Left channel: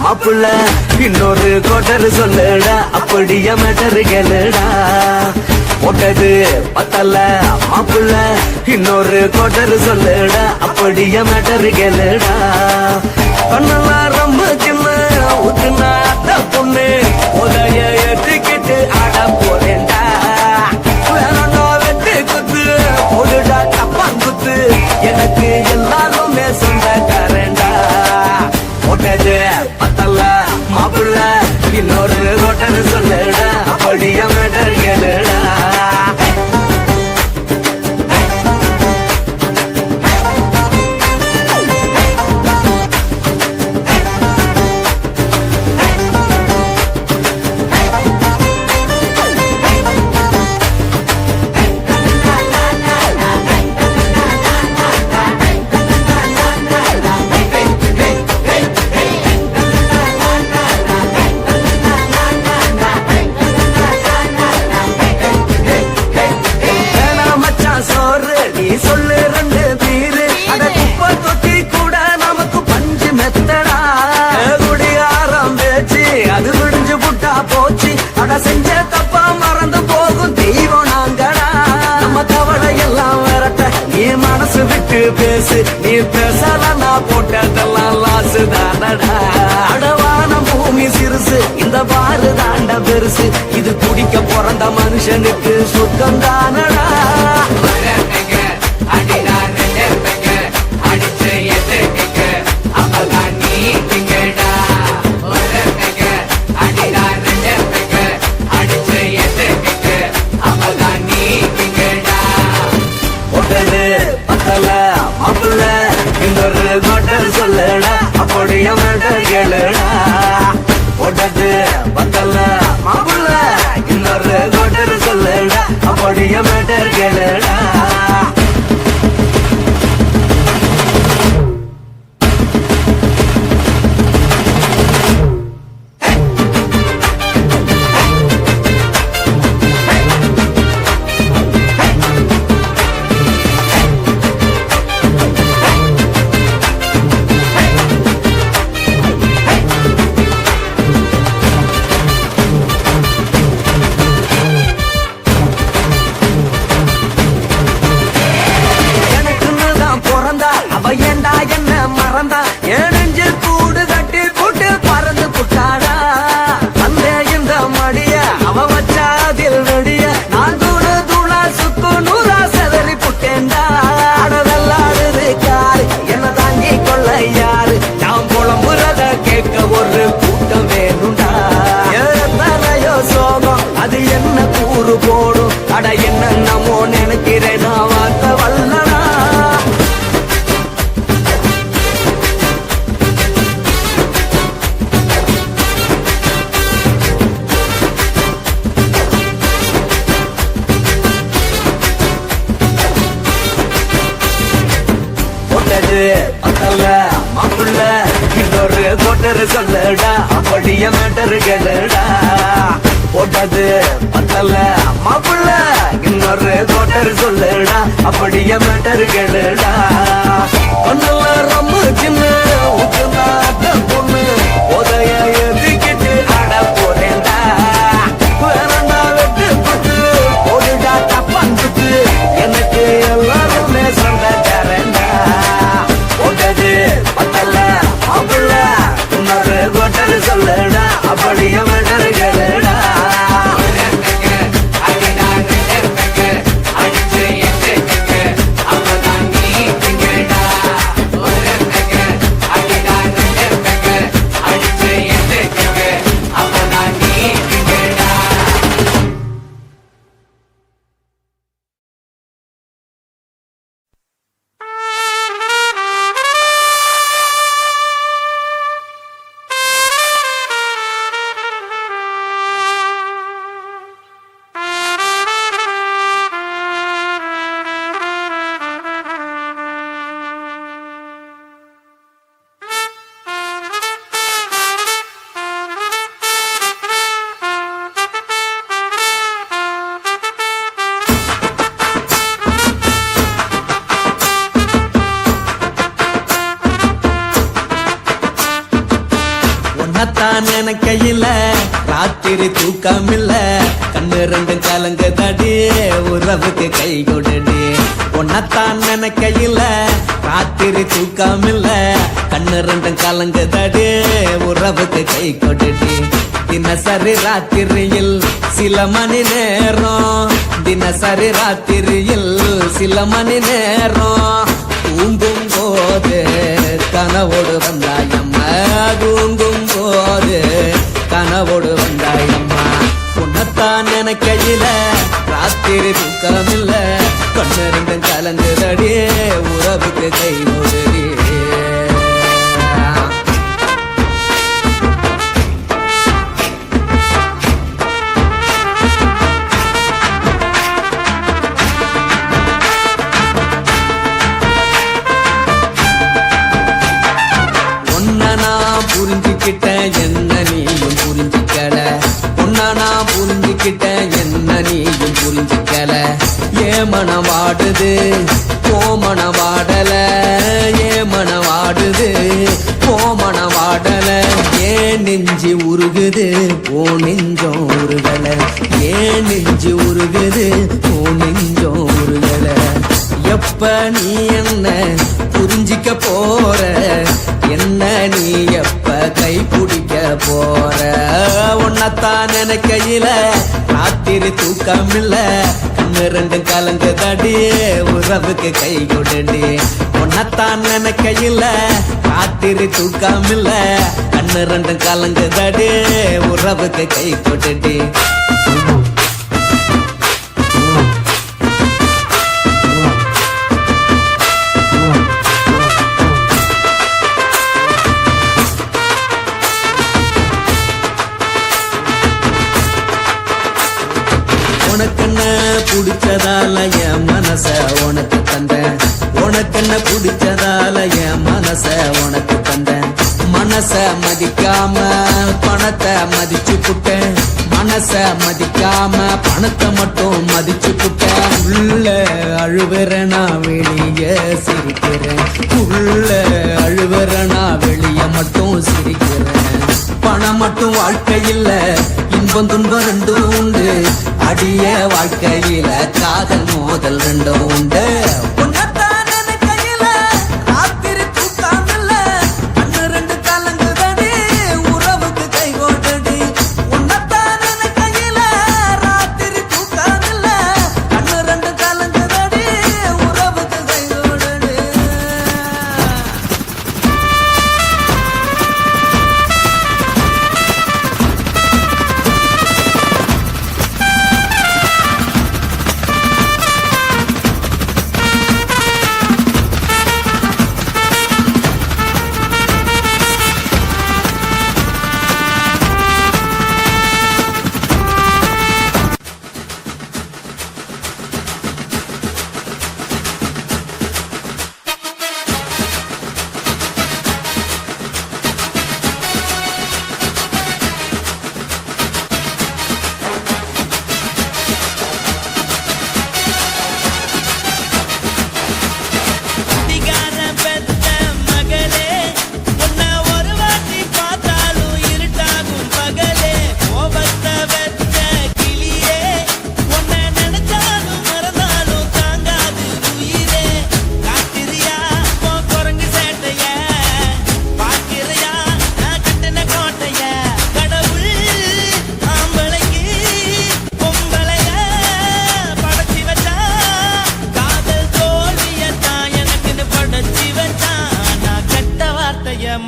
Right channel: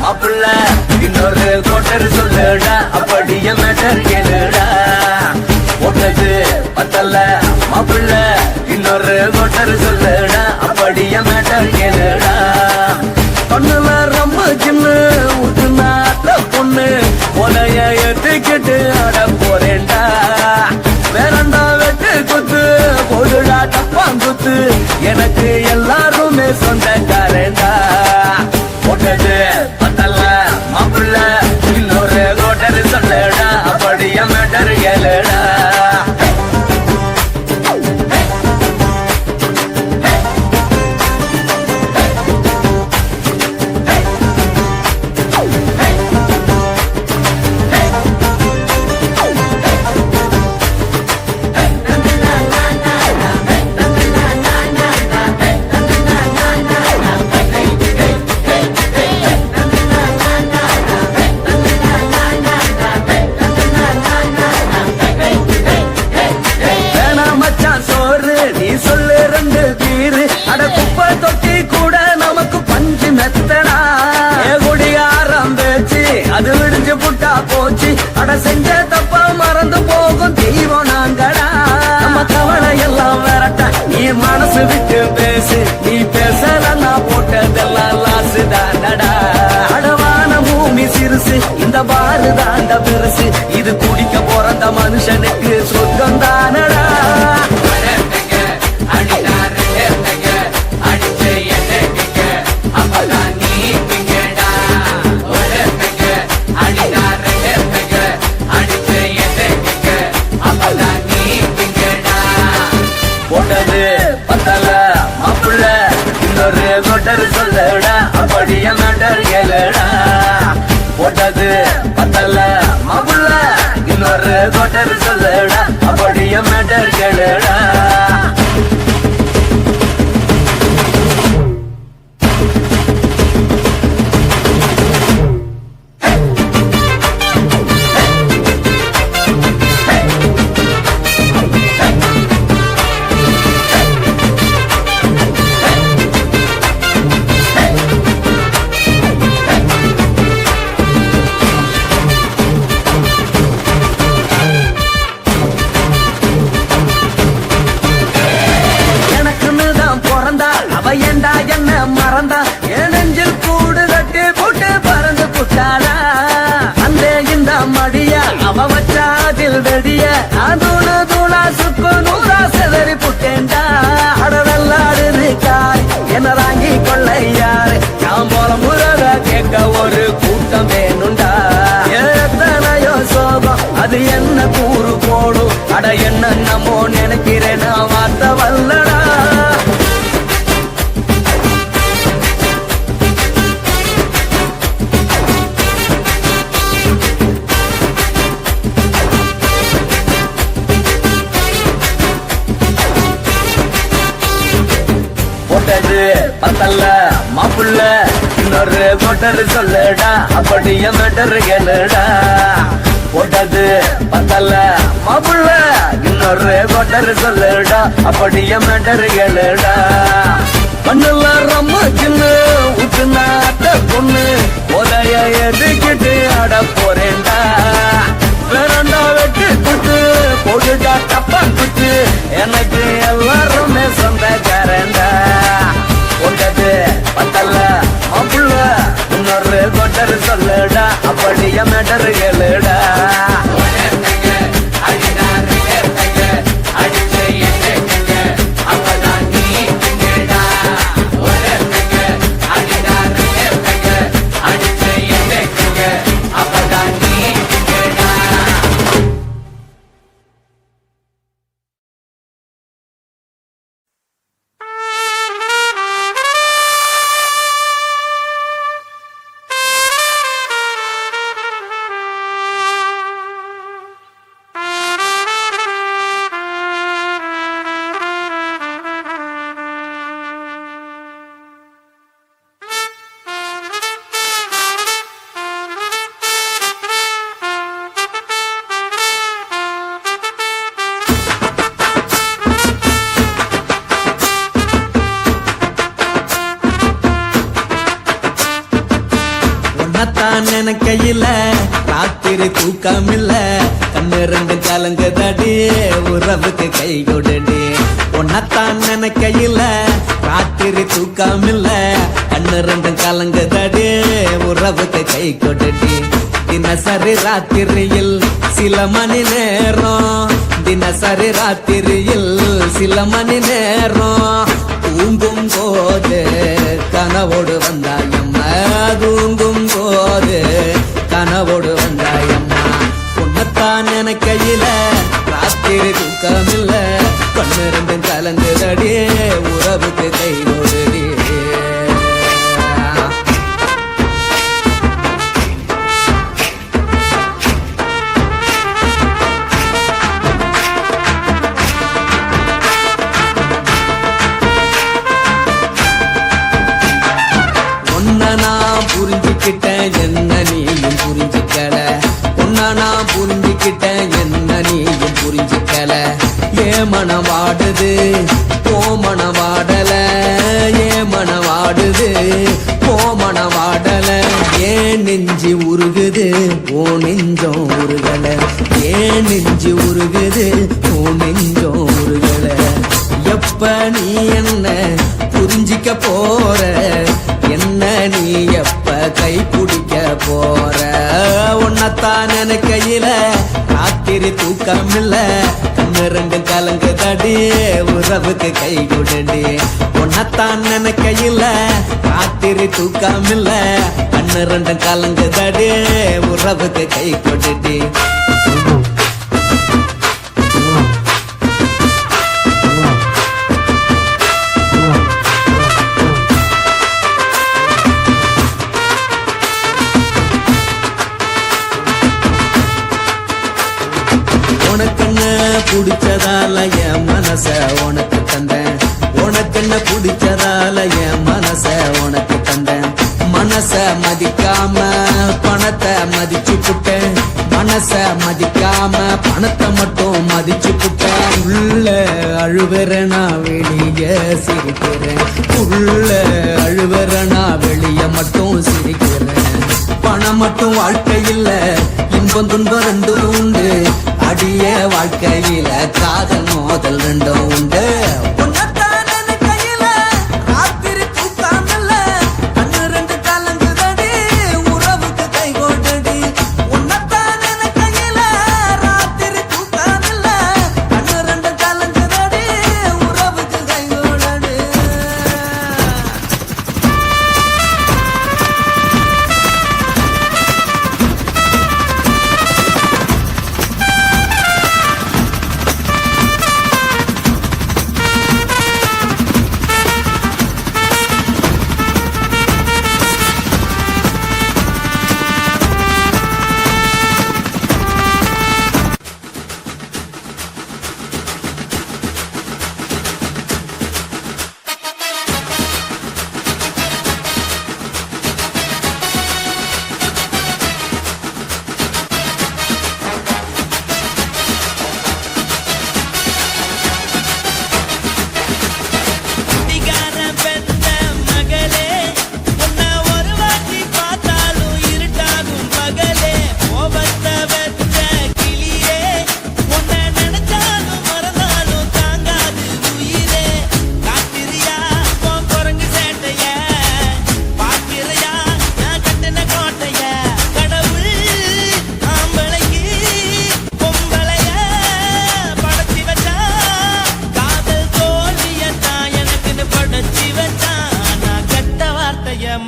மாப்பிள்ள இன்னொரு கோட்டர் சொல்லடா அப்படியே மேட்டர் கேளுடா ஒன்னது பத்தல்ல மாப்பிள்ள இன்னொரு கோட்டர் சொல்லடா அப்படியே மேட்டர் கேளுடா பண்ணல ரொம்ப சின்ன ஊத்துனா பொண்ணு முறைய ஏத்துக்கிட்டு ஆட போறேன்டா வேறண்டா வெட்டு குத்து போடுடா கப்பம் குத்து எனக்கு எல்லாருமே சொந்தக்காரண்டா ஒன்னது பத்தல்ல மாப்பிள்ள இன்னொரு கோட்டர் சொல்லடா அப்படியே மேட்டர் கேளுடா செஞ்ச தப்ப மறந்து போகும் தெய்வம் நாங்கடா நம்ம கவலை எல்லாம் வரட்ட நீ மனசு விட்டு பேசு நீ பேசலன்னா போட்டதெல்லாம் லாசு தானடா அடவான பூமி சிறுசு இந்த பாரு தாண்ட பெருசு இது குடிக்க பிறந்த மனுஷனுக்கு சொந்தம் தானடா சொல்லடா அப்படியே மேட்டர் கேளுடா ஒட்டது பத்தல்ல மாப்பிள்ள இன்னொரு கோட்டர் சொல்லடா அப்படியே மேட்டர் கேளுடா ஒரு கூட்டம் வேணுண்டா எத்தனையோ சோகம் அது என்ன கூறு போடும் அட என்னமோ நினைக்கிறேன் நான் வாங்க வல்லடா ஒட்டது பத்தல்ல மாப்பிள்ள இன்னொரு கோட்டர் சொல்லடா அப்படியே மேட்டர் கேளுடா ஒட்டது பத்தல்ல மாப்பிள்ள இன்னொரு கோட்டர் சொல்லடா அப்படியே மேட்டர் கேளுடா பண்ணல ரொம்ப சின்ன ஊத்துனா பொண்ணு ஒரைய ஏத்துக்கிட்டு ஆட போறேன்டா வேறண்டா வெட்டு குத்து போடுடா கப்பம் குத்து எனக்கு எல்லாருமே சொந்தக்காரண்டா ஒட்டது பத்தல்ல மாப்பிள்ள இன்னொரு கோட்டர் சொல்லடா அப்படியே மேட்டர் கேளுடா உன்னத்தான் நினைக்கையில ராத்திரி தூக்கமில்ல கண்ணு ரெண்டும் கலங்குதடி உறவுக்கு கை கொடுடி உன்னத்தான் நினைக்கையில ராத்திரி தூக்கமில்ல கண்ணு ரெண்டும் கலங்குதடி உறவுக்கு கை கொடுடி தினசரி ராத்திரியில் சில மணி நேரம் தினசரி ராத்திரியில் சில மணி நேரம் தூங்கும் போது கனவோடு வந்தாயம்மா தூங்கும் போது கனவோடு வந்தாயம்மா உன்னத்தான் நினைக்கையில ராத்திரி தூக்கமில்ல கண்ணு ரெண்டும் கலங்குதடி உறவுக்கு கை கொடுடி நான் புரிஞ்சுக்கிட்டேன் என்ன நீயும் புரிஞ்சுக்கல உன்ன நான் புரிஞ்சுக்கிட்டேன் என்ன நீயும் புரிஞ்சுக்கல ஏன் மனம் வாடுது போ மனம் வாடல ஏன் மனம் வாடுது போ மனம் வாடல ஏன் நெஞ்சு உருகுது ஓ நெஞ்சம் உருகல ஏன் நெஞ்சு உருகுது ஓ நெஞ்சம் உருகல எப்ப நீ என்ன புரிஞ்சிக்க போற என்ன நீ எப்ப கை பிடிக்க போற உன்னத்தான் நினைக்கையில ராத்திரி தூக்கமில்ல கண்ணு ரெண்டும் கலங்குதடி உறவுக்கு கை கொடுடி உன்னத்தான் நினைக்கையில ராத்திரி தூக்கமில்ல கண்ணு ரெண்டும் கலங்குதடி உறவுக்கு கை கொடுடி உனக்கென்ன பிடிச்சதால என் மனச உனக்கு தந்தேன் உனக்கென்ன பிடிச்சதால என் மனச உனக்கு தந்தேன் மனச மதிக்காம பணத்தை மதிச்சு புட்டேன் மனச மதிக்காம பணத்தை மட்டும் மதிச்சு புட்டேன் உள்ள அழுவுறனா வெளிய சிரிக்கிறேன் உள்ள அழுவுறனா வெளிய மட்டும் சிரிக்கிறேன் பணம் மட்டும் வாழ்க்கையில் இன்பம் துன்பம் ரெண்டும் உண்டு அடிய வாழ்க்கையில காதல் மோதல் ரெண்டும் உண்டு உன்னத்தான் நினைக்கையில ராத்திரி தூக்கமில்ல கண்ணு ரெண்டு கலங்குதடி உறவுக்கு கை கொடுடி உன்னத்தான் நினைக்கையில ராத்திரி தூக்கமில்ல கண்ணு ரெண்டு கலங்குதடி உறவுக்கு கை கொடுடி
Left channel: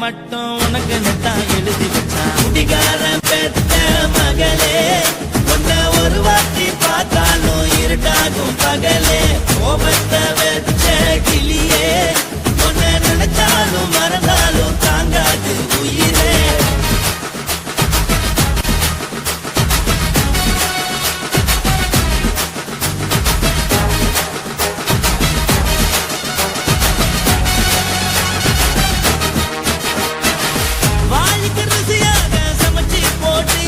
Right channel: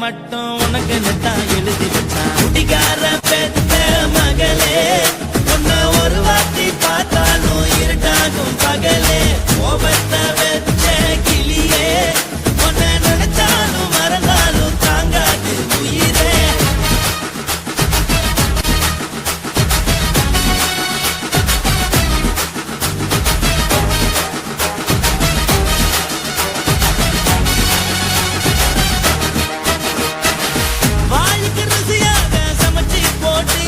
மட்டும் உனக்கு நெத்தான் எழுதி வச்சான் குடிகார பெத்த மகளே உன்னை ஒரு வாட்டி பார்த்தாலும் இருட்டாகும் பகலே கோபத்தை வச்ச கிளியே உன்னை நினைச்சாலும் மறந்தாலும் தாங்காது உயிரே வாய்க்கு ருசியாக சமைச்சு போட்டு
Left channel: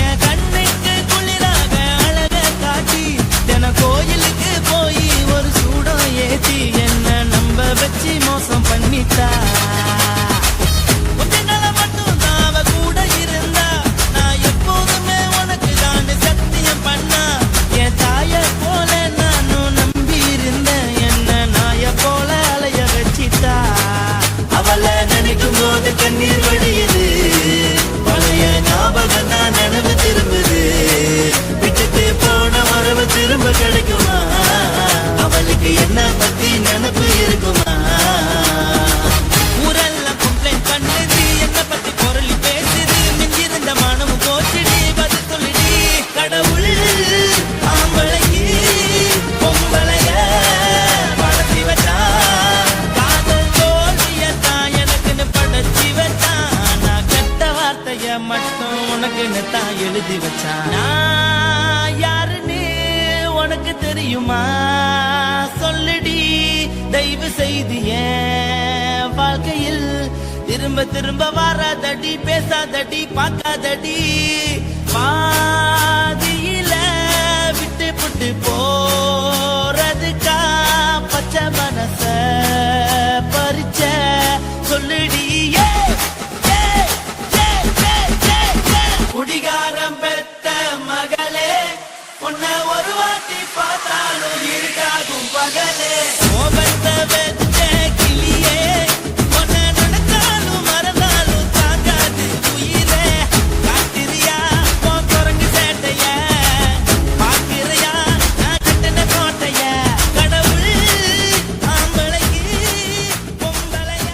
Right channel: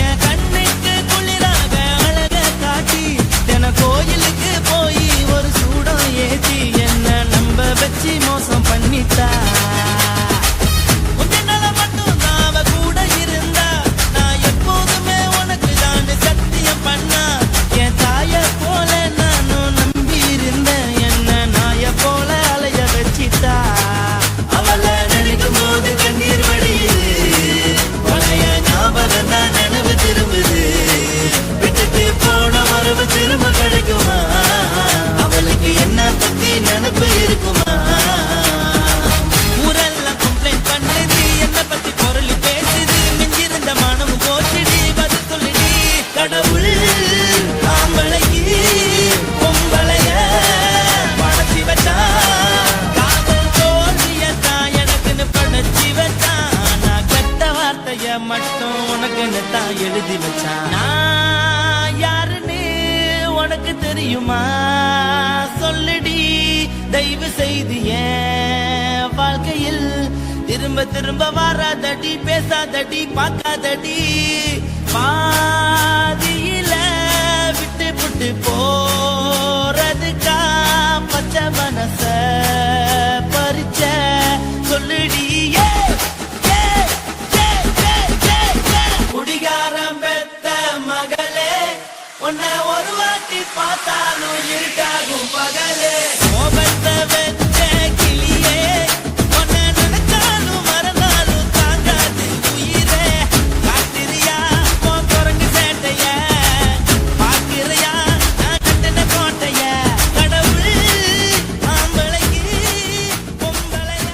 என் கண்ணுக்கு குளிராக அழக காட்டி தின கோயிலுக்கு போய் ஒரு சூடம் ஏத்தி என்ன நம்ப வச்சு மோசம் பண்ணிட்டா கொஞ்ச நாள மட்டும் தான் அவ கூட வார்த்தைய மட்டும் உனக்குன்னு தான் எழுதி வச்சான். நான் யாருன்னு உனக்கு தெரியுமா? சொல்லுடி தயவு செய்து என் வாழ்க்கையில் திரும்ப திரும்ப வராதடி, பேசாதடி, பார்க்காதடி. பாதியில விட்டு புட்டு போறதுக்கா பச்சை மனச பறிச்ச சொல்லுடி. குடிகாரம் பெத்த மகளே, உன்னை ஒரு வாட்டி பார்த்தாலும் இருக்காகும் பகலே. கோபத்தை வச்ச கிளியே, உன்னை நினைச்சாலும் மறந்தாலும் தாங்காது உயிரே. காட்டுறியா உன் குரங்கு சேட்டைய, பார்க்கிறியா நான் கட்டின கோட்டைய. கடவுள் ஆம்பளைக்கு பொம்பளைய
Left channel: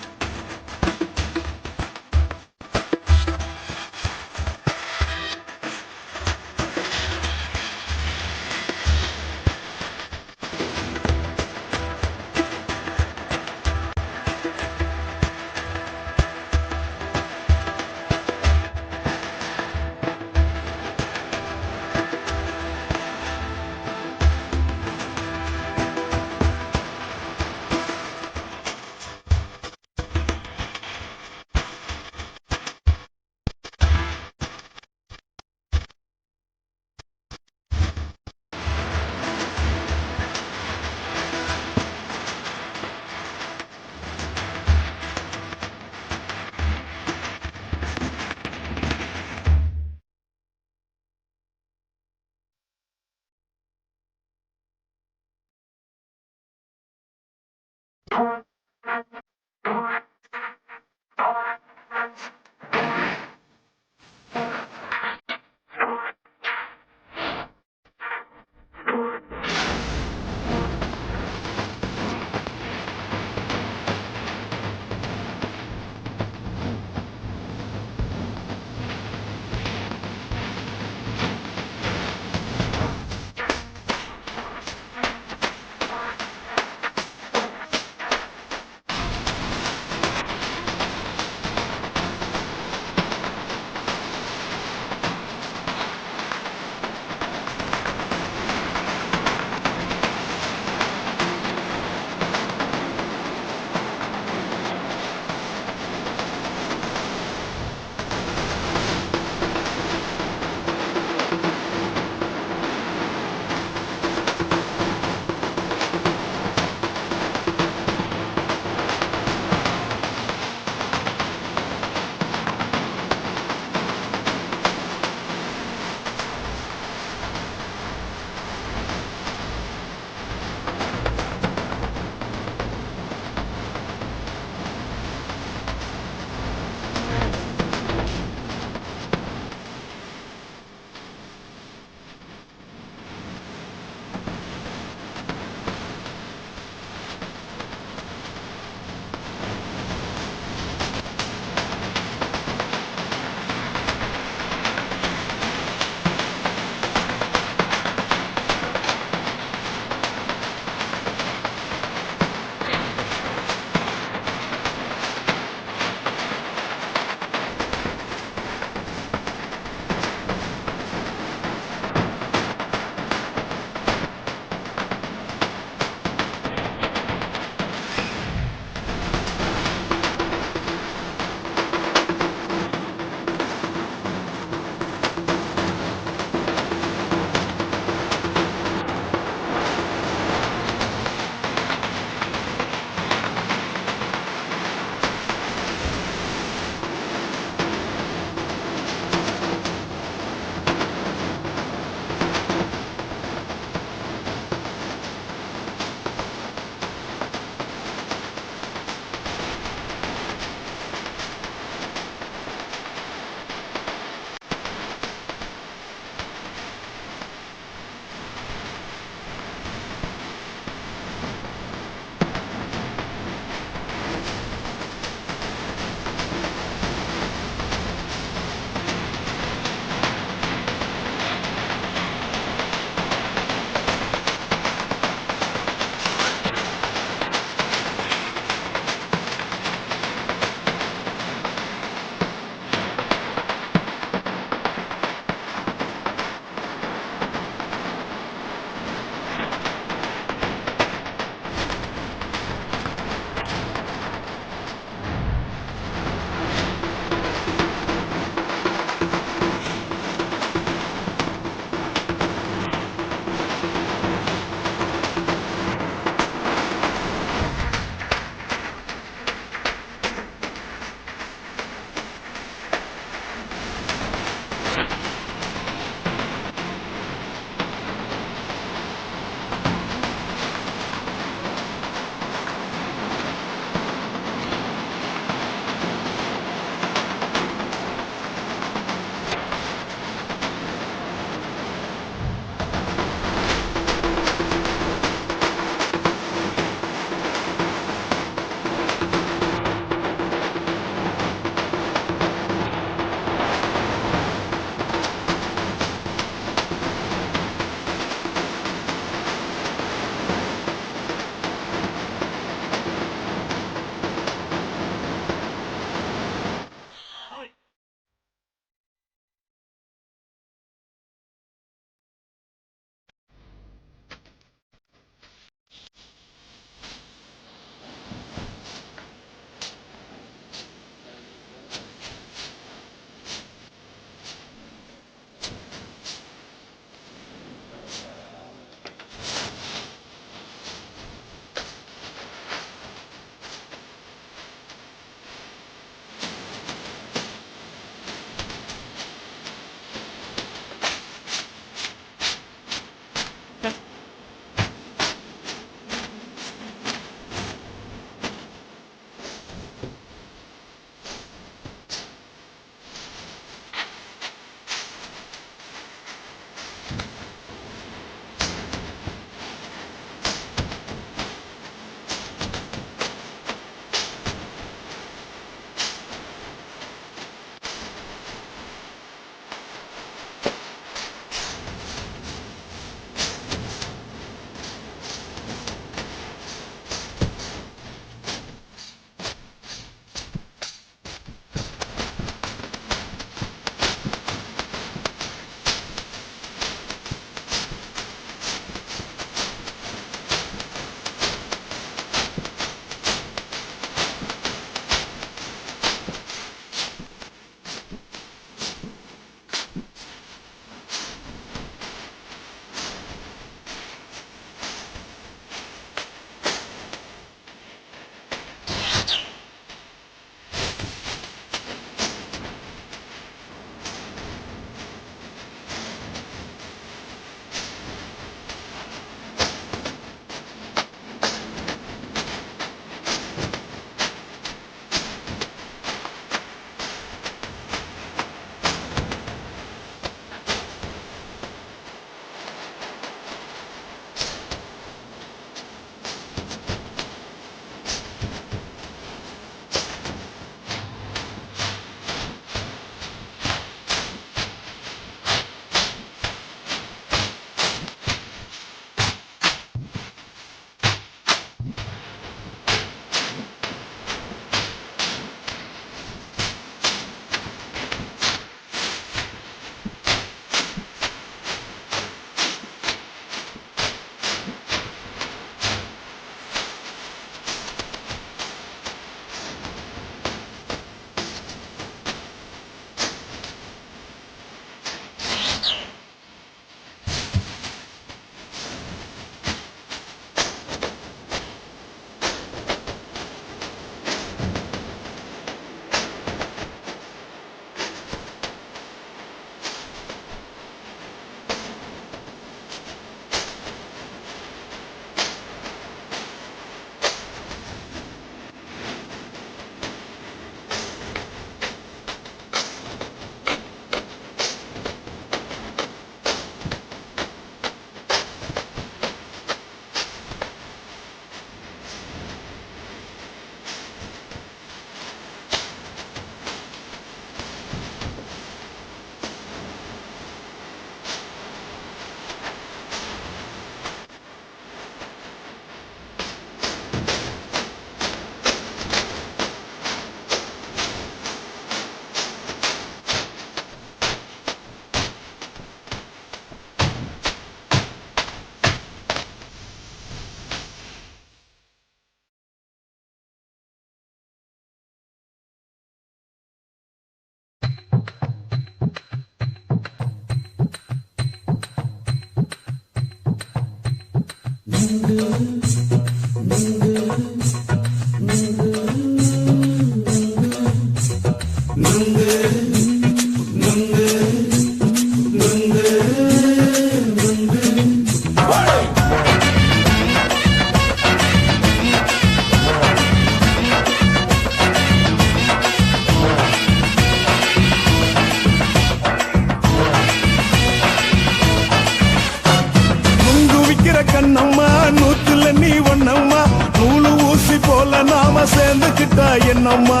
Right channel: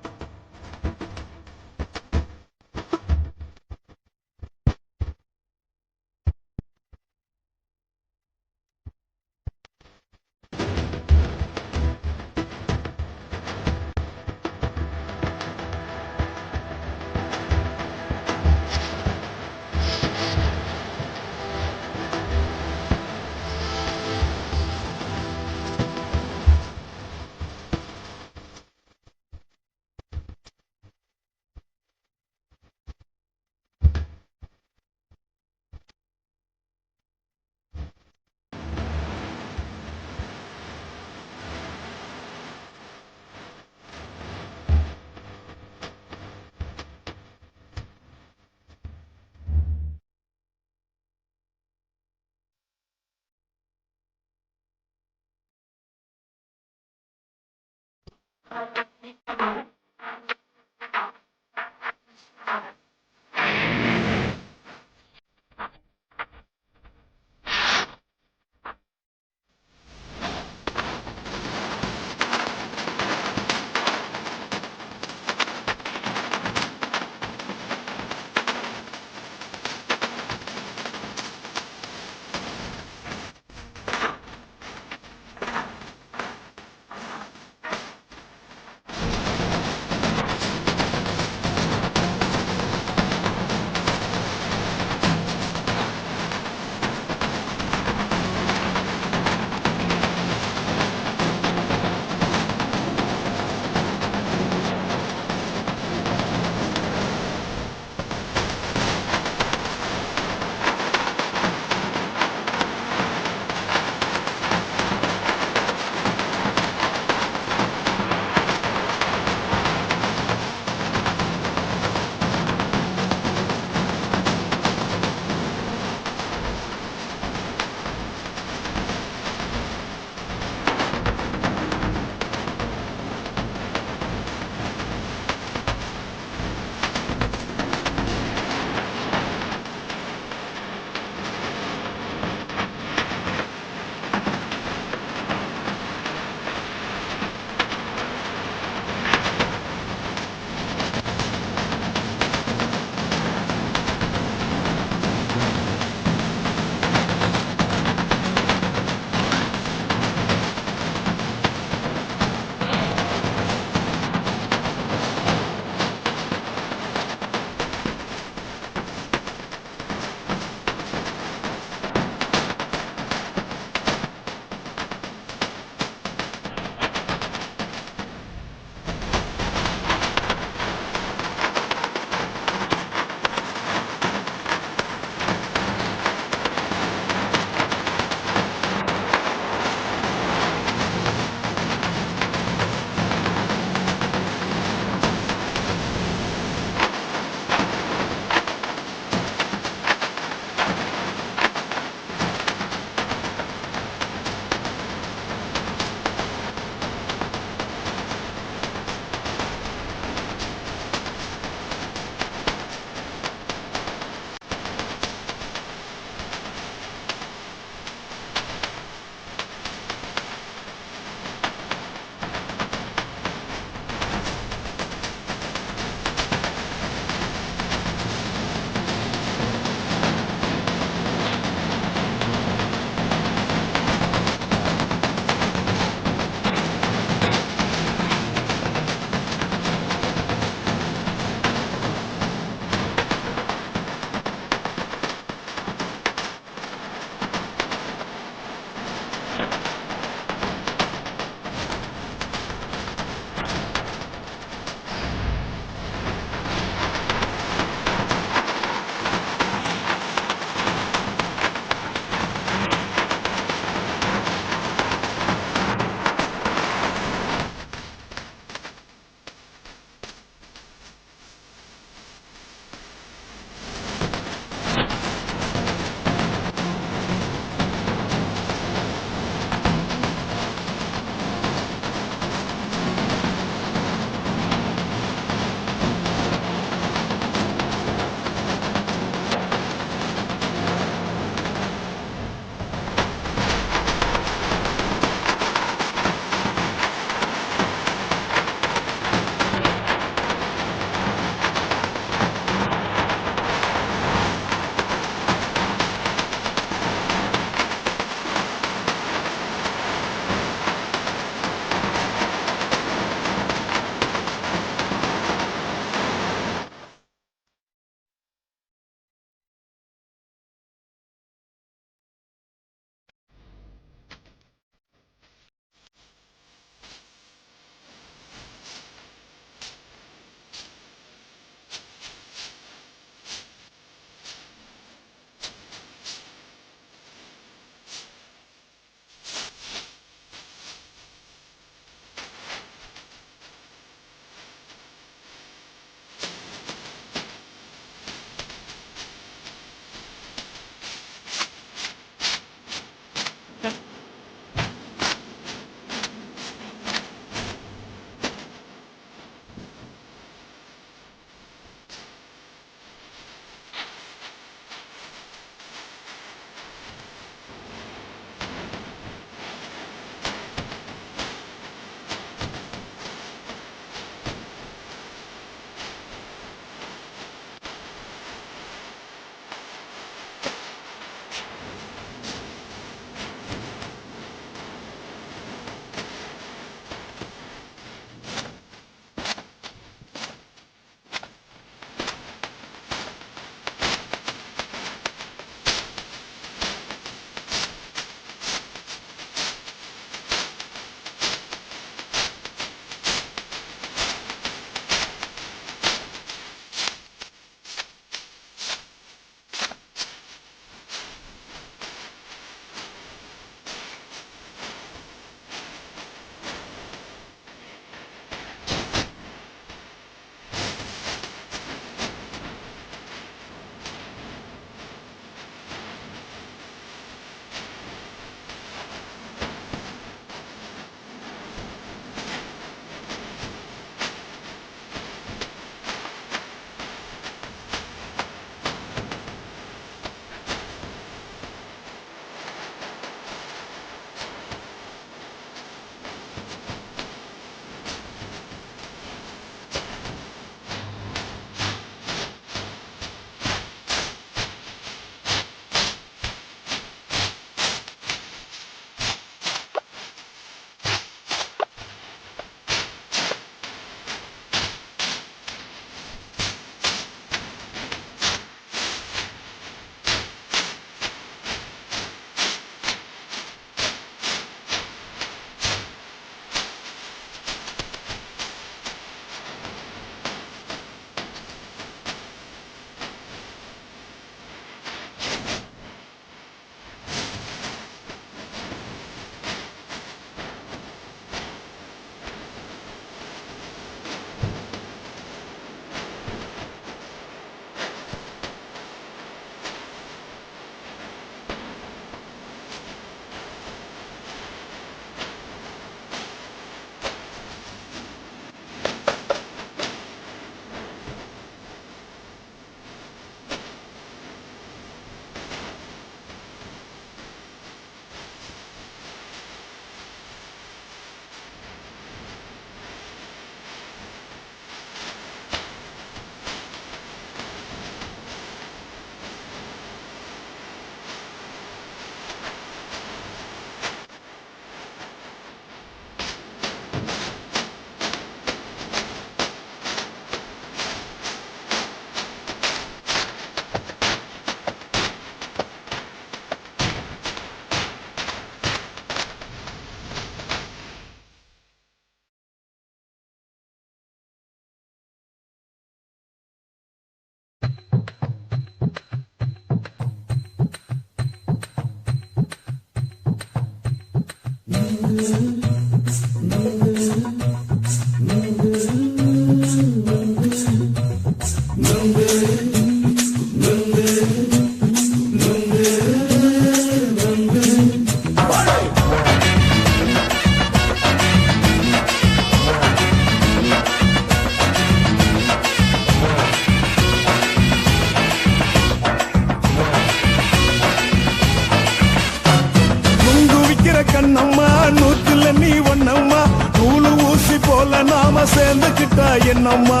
சேர்ந்துக்கிட்டா என்னம்மா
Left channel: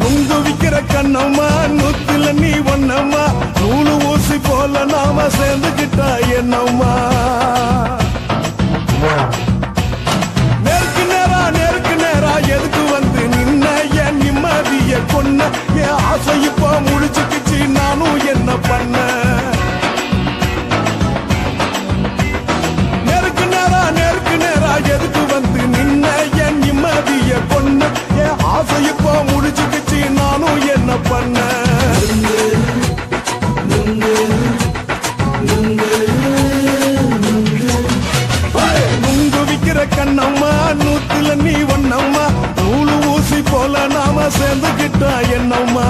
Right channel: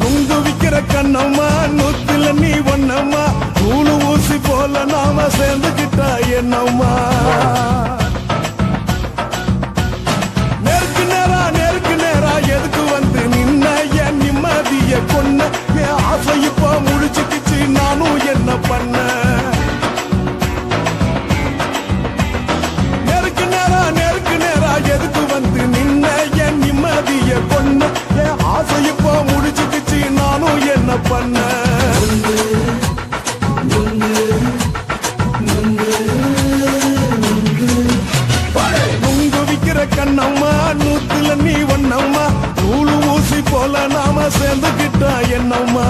நுங்கு விக்கிற கண்ணம்மா நூத்துல நீ ஒண்ணம்மா நூலு ஊசி போல நாம சேர்ந்துக்கிட்டா என்னம்மா நேருக்கு நேரா எதுக்கு வந்து நின்ன என் நிம்மதிய கொன்ன என் ஆசை இப்ப முடிச்சுக்கிச்சு நானும் என்ன பண்ண நேருக்கு நேரா எதுக்கு வந்து நின்ன என் நிம்மதிய கொன்ன என் ஆசை இப்ப முடிச்சுக்கிச்சு நானும் என்ன பண்ண நுங்கு விக்கிற கண்ணம்மா நூத்துல நீ ஒண்ணம்மா நூலு ஊசி போல நாம சேர்ந்துக்கிட்டா என்னம்மா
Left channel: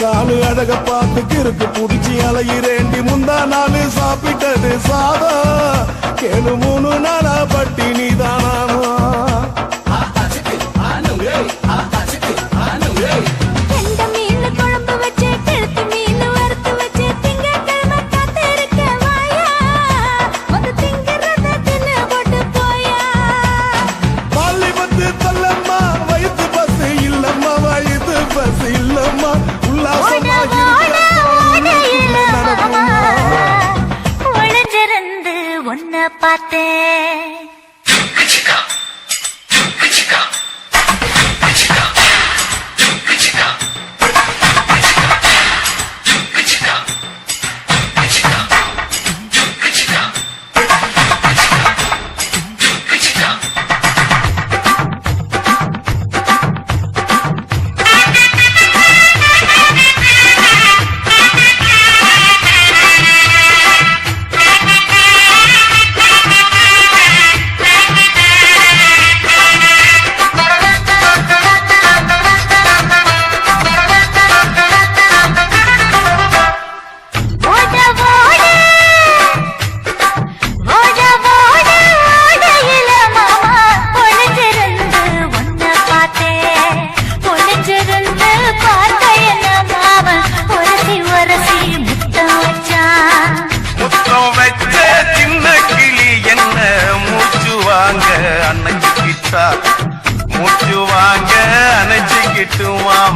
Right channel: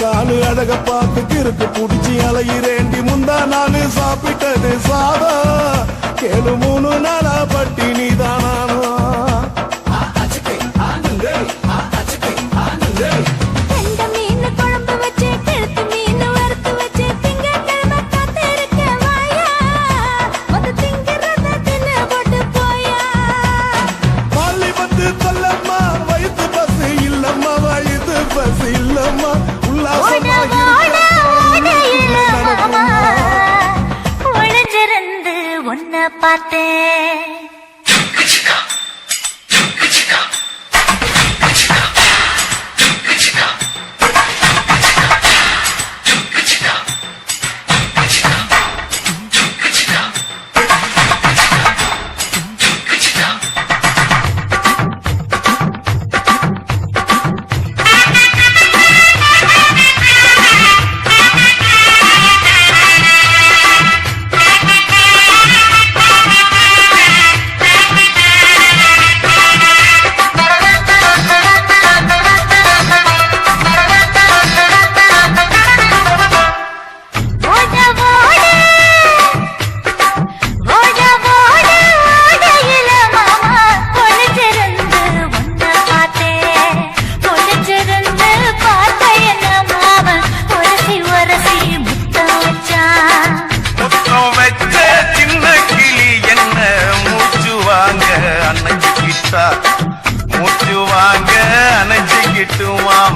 காலு அழக பார்த்து கிறுக்கு புடிச்சி அலையிறேண்டி முந்தா நானு சாப்பிட்டது சாதம் கேளு 3 நாளா பட்டினி தானானோ பள்ளி பத்து சொல்லம்மா வயிற்று பஸ் இல்லம்மா வயிற்று பஸ் இல்லம்மா ஒளிஞ்சிருந்து உன்னை பார்த்தேன் மூச்சு வாங்க அணைச்சுக்கிட்டு மாம